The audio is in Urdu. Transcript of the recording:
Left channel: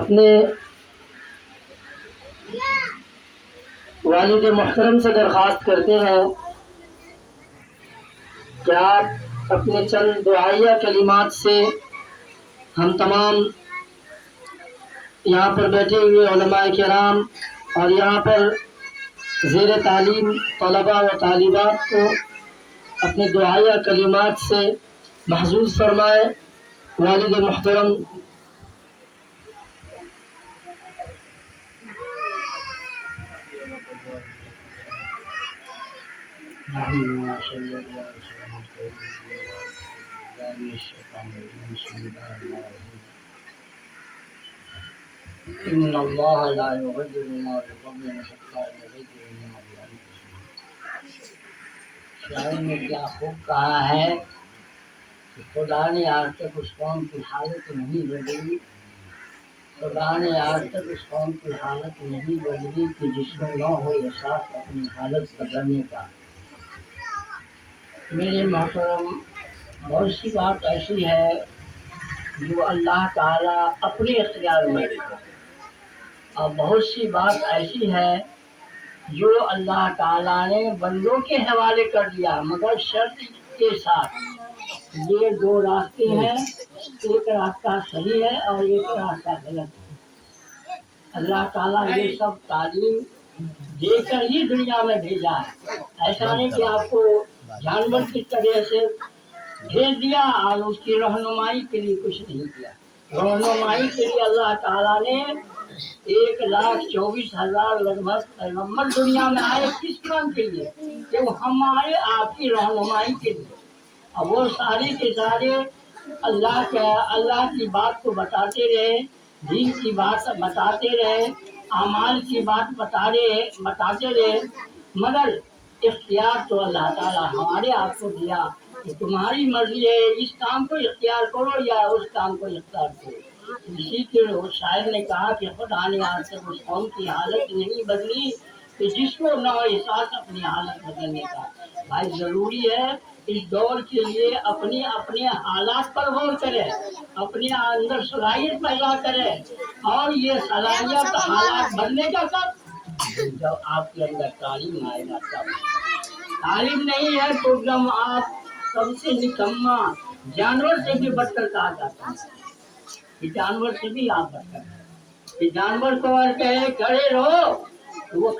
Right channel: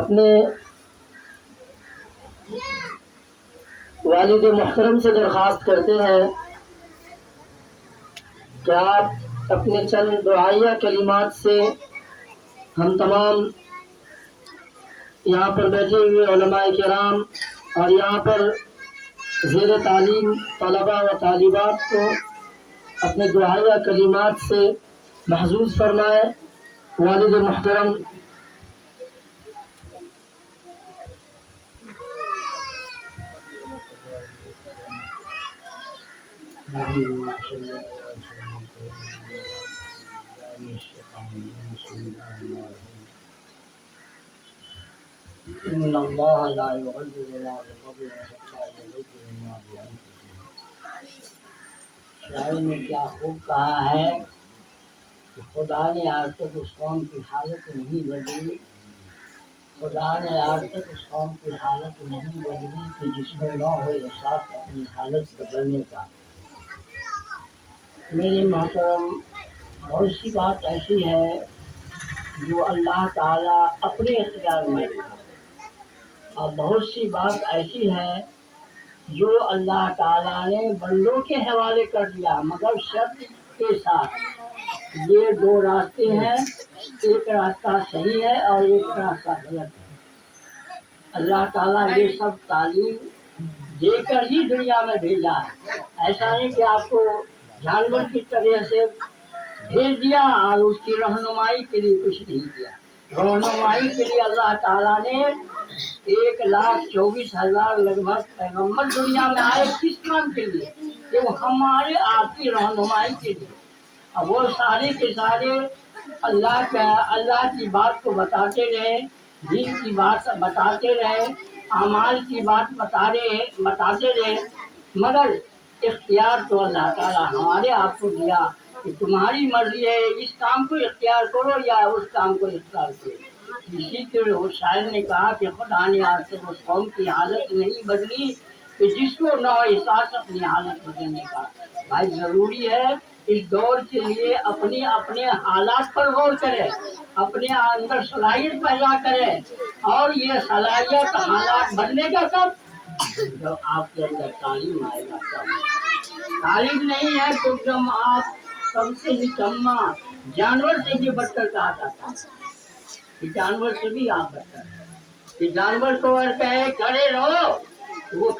اپنے والد محترم سے درخواست کرتے ہیں کہ آپ اپنے چند دعائیہ کلمات سے ہم تمام یہاں پر بیٹھے ہوئے علماء کرام اور یہاں پر زیر تعلیم طلباء و طالبات کو اپنے دعائیہ کلمات سے محظوظ فرمائے. والد محترم ان اللہ لا یغیر ما بقوم حتی یغیروا ما بانفسہم. شاعر نے کیا خوب کہا ہے کہ خدا نے آج تک اس قوم کی حالت نہیں بدلی، خدا نے آج تک اس قوم کی حالت نہیں بدلی کہ جس میں نہ ہو احساس اپنی حالت بدلنے کا. میرے محترم، بہت سی بات ایسی ہے جو اللہ تعالیٰ اپنے اختیار میں رکھا، اور بہت سی بات ایسی ہے جو اللہ تعالیٰ نے بندوں کے حوالے کر دیا، مگر شرط کے ساتھ. یہ دو راستے ہیں، ایک راستہ صحیح ہے اور ایک راستہ غلط ہے. اللہ تعالیٰ یہ سب تعلیم دے کر ہی دنیا میں بھیجا ہے. ایسا نہیں کہ آپ کو جانور کی طرح سے بھیج دیا اور اس کی رہنمائی کے لیے کچھ نہیں کیا. رہنمائی کے لیے اللہ تعالیٰ نے 1,24,000 لگ بھگ پیغمبر دنیا میں آئے. کس کام کے لیے؟ کہ وہ ہمارے آپ کی رہنمائی کے لیے. اب وہ سارے کے سارے اللہ کی بات کو بتاتے رہے، دین کی بات بتاتے رہے، اعمال کی بات بتاتے رہے، مگر اختیار تو اللہ تعالیٰ ہمارے آپ کو دیا کہ تمہاری مرضی ہے، اس کام کو اختیار کرو یا اس کام کو اختیار کرو. اسی کے شاعر نے کہا کہ خدا نے آج تک اس قوم کی حالت نہیں بدلی کہ جس کو نہ ہو احساس اپنی حالت بدلنے کا. بھائی ضروری ہے اس دور کے لیے اپنے حالات پر غور کرے، اپنے اندر صلاحیت پیدا کرے. اور یہ صلاحیت حالات بننے کا کب؟ جب آپ کے اندر تعلیم آئے گا تب. تعلیم نہیں ہے تو جب آپ سب سے نکما جانور سے بھی بڑھ کر کہا جاتا ہے کہ جانور سے بھی آپ بڑھ کر. کہ جانور کو اگر کہے کھڑے رہو تو وہ